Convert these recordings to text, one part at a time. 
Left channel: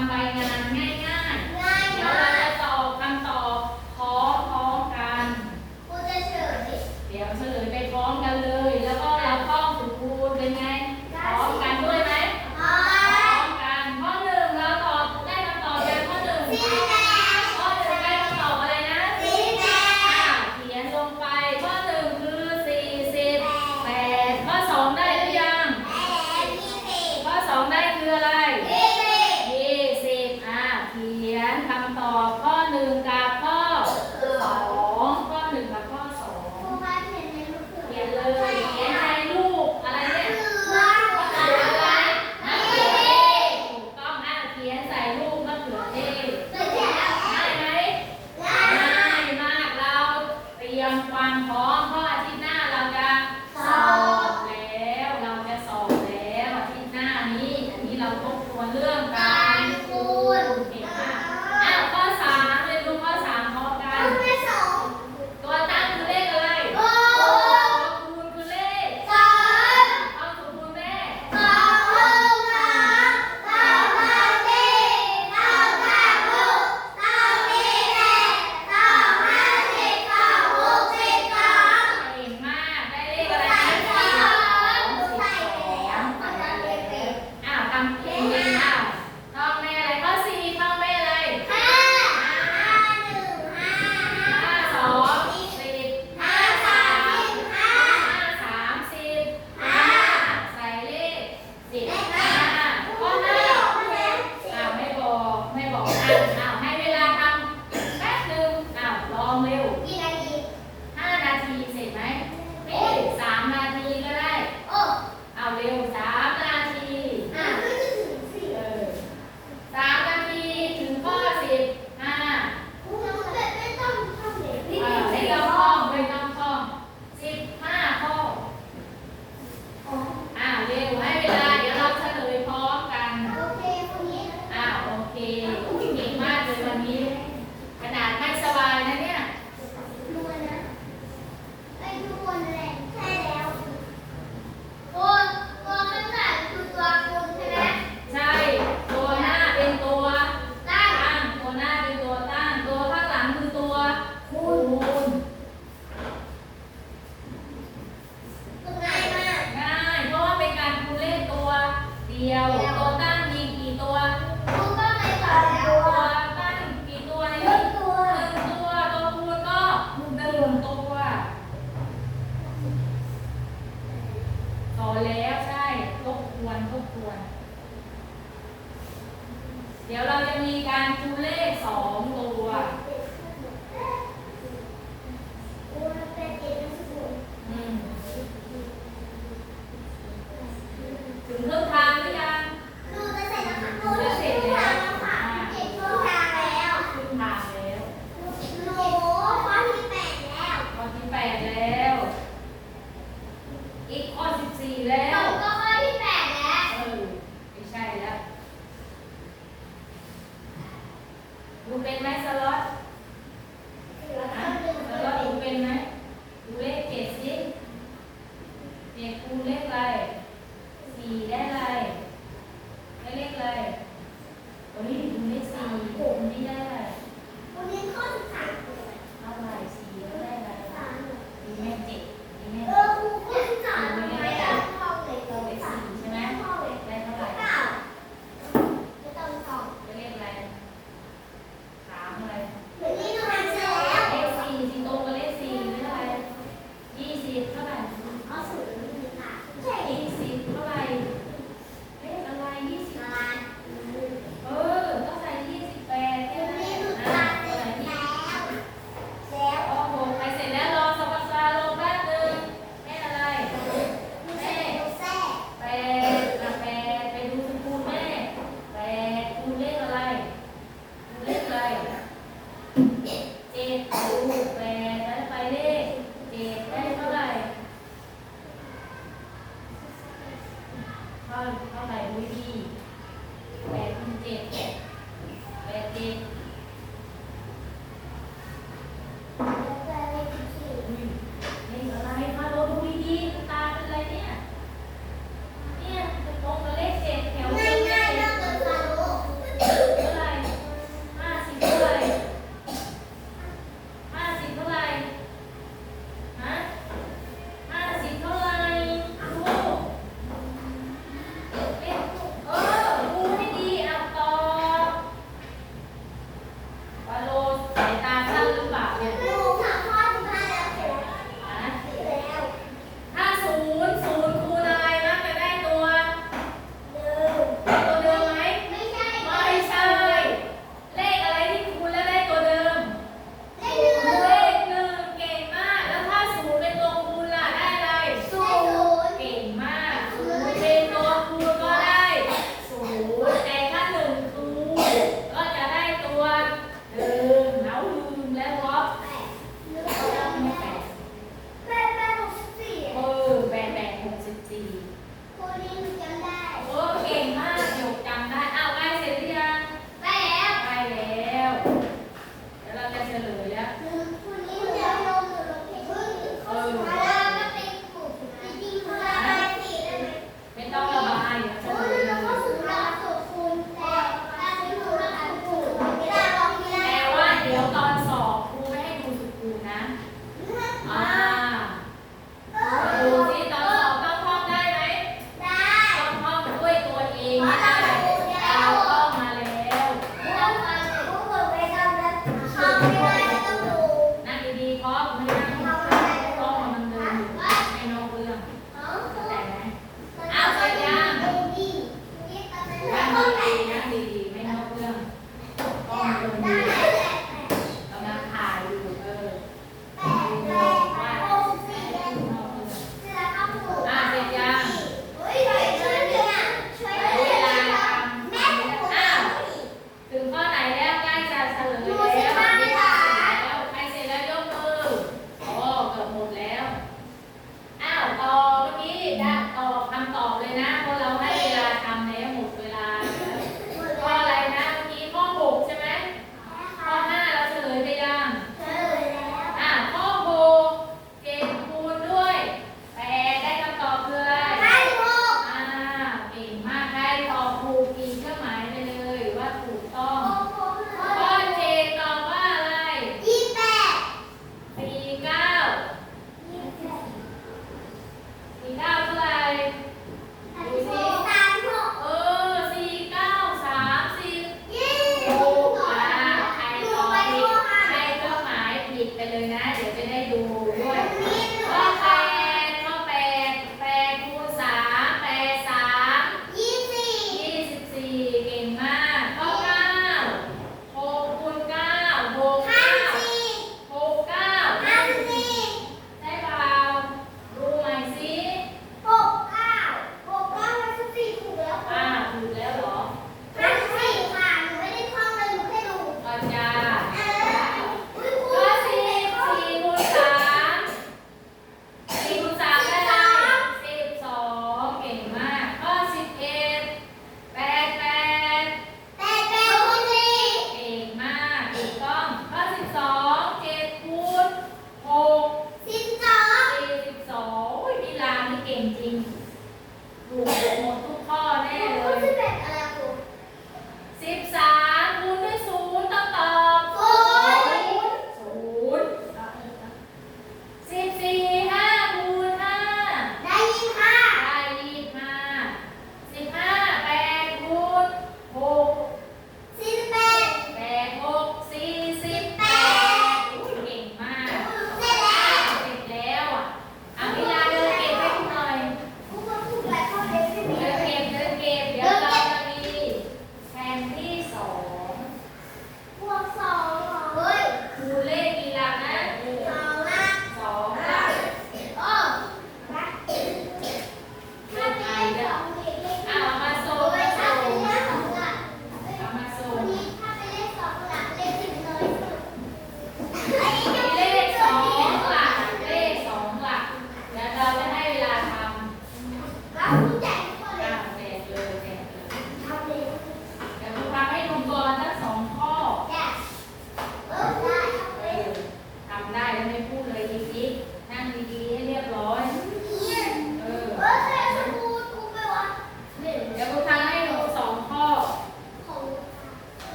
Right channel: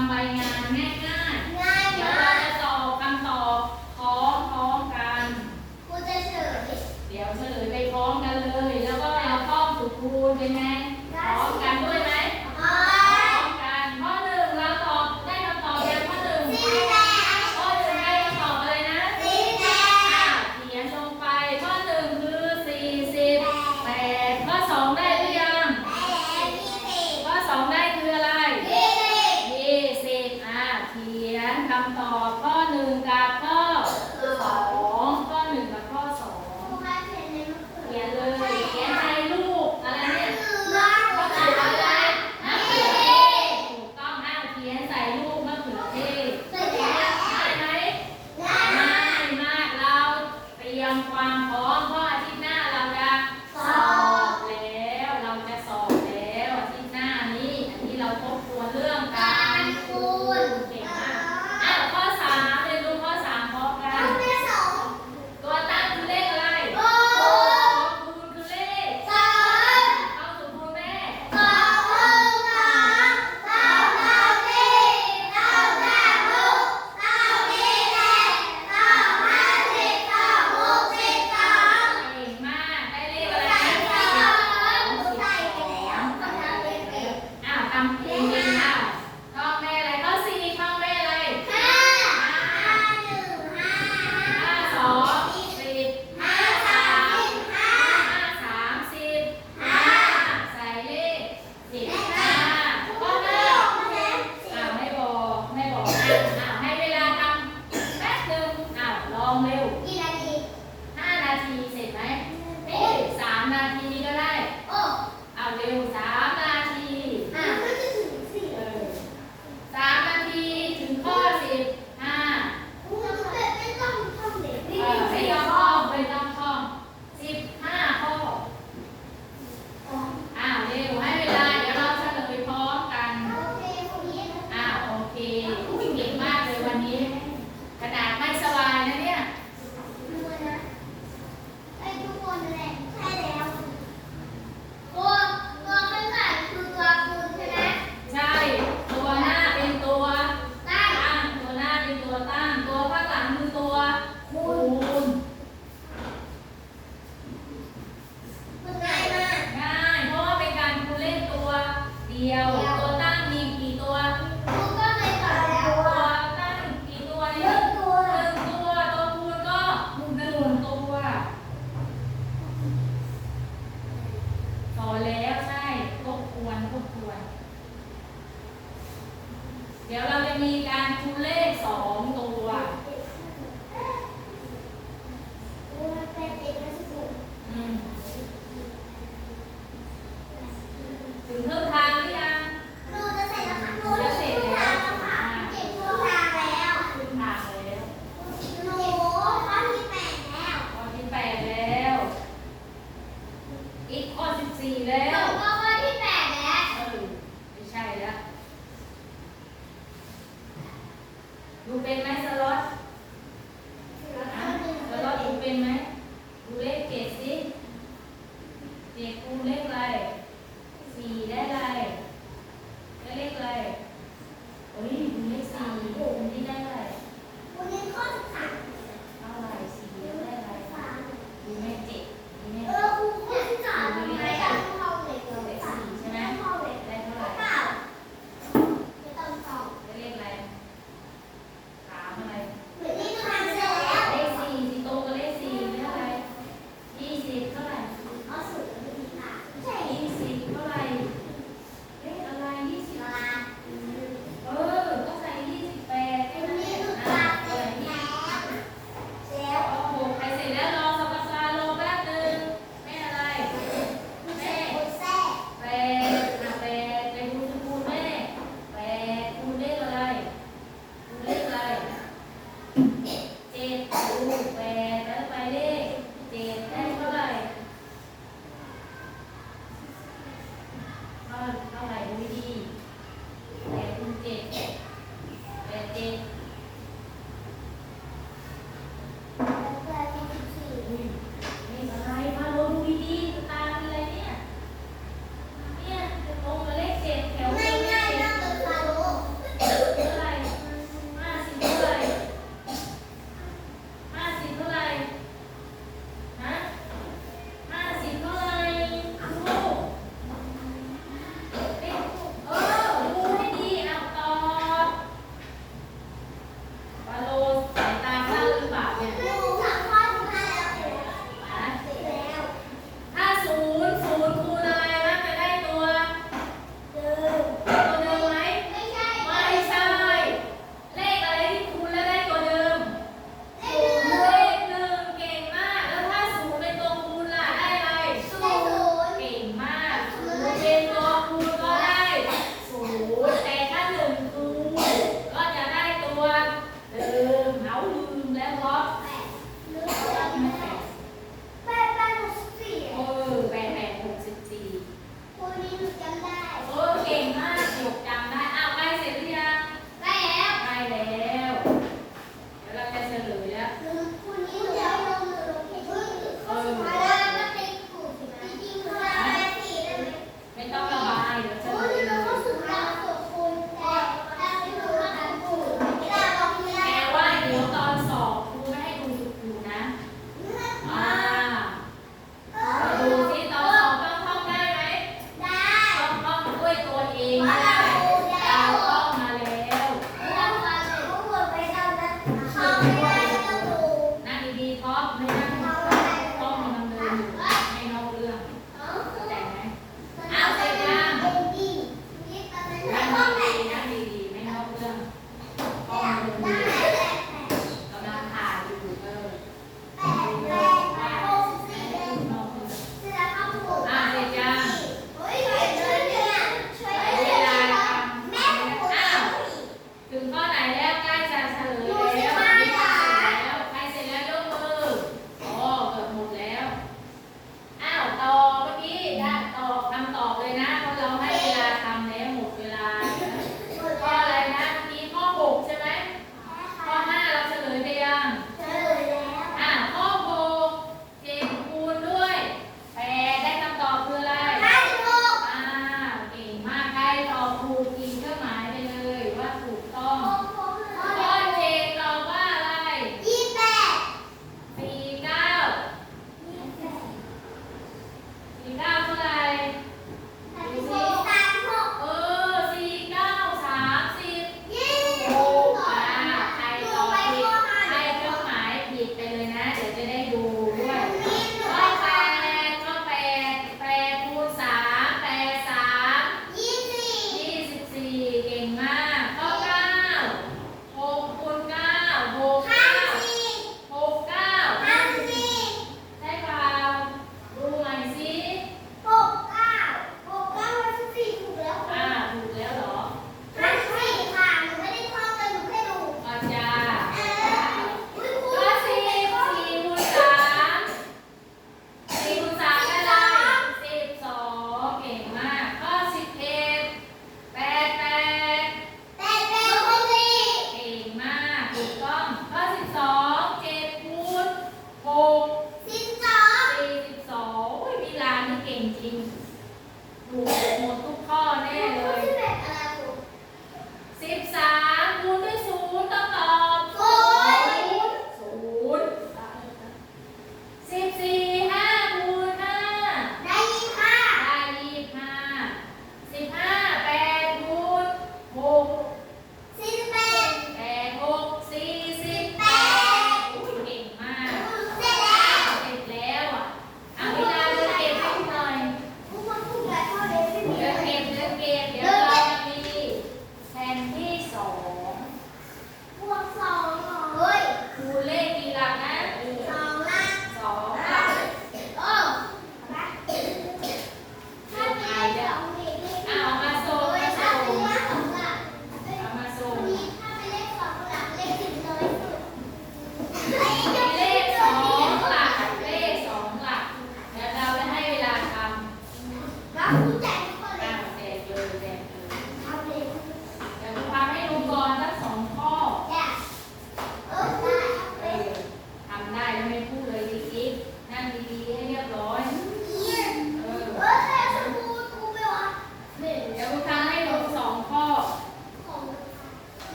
tambahin yang aneh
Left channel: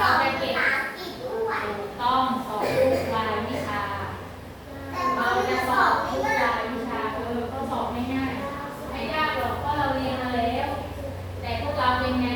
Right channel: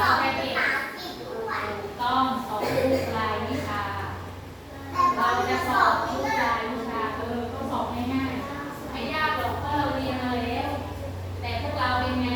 ต้องสอบทุกรายวิชา เราจะสอบทุกรายวิชาคือเรสอบง่ายๆไม่ยากหรอกก็เราเรียนมาแล้ว แต่พวกเราเป็นไง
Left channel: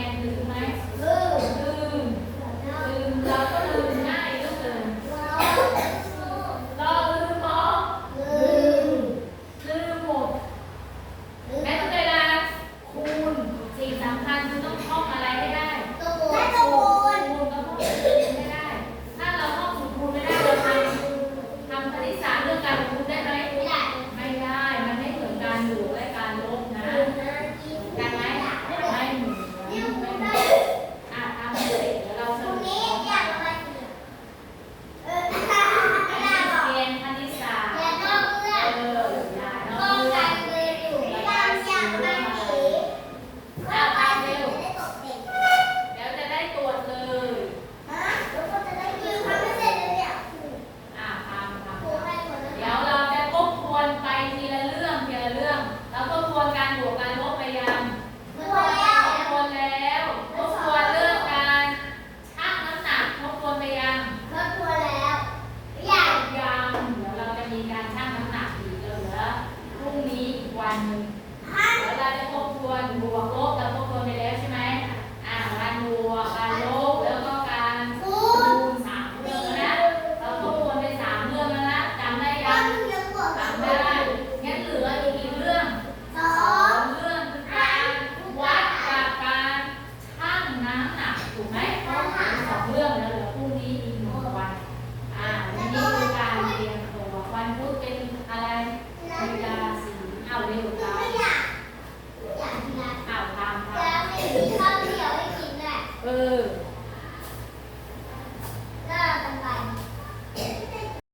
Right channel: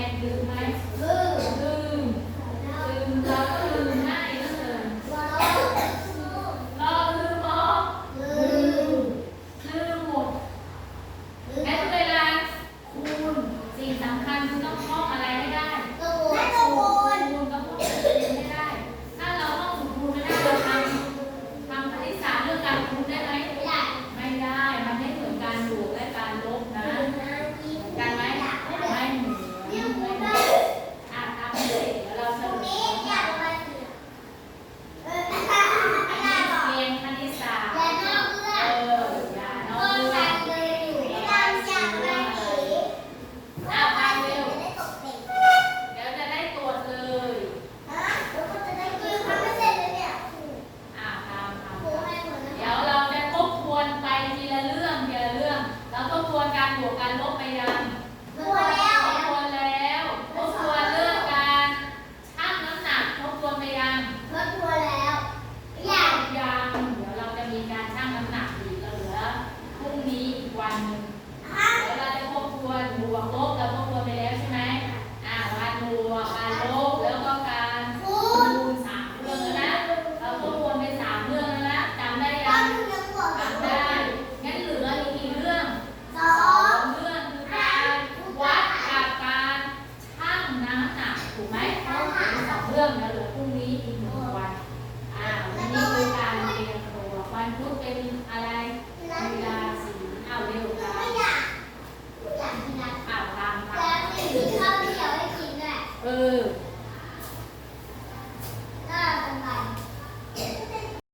paano. Na po ang buwan.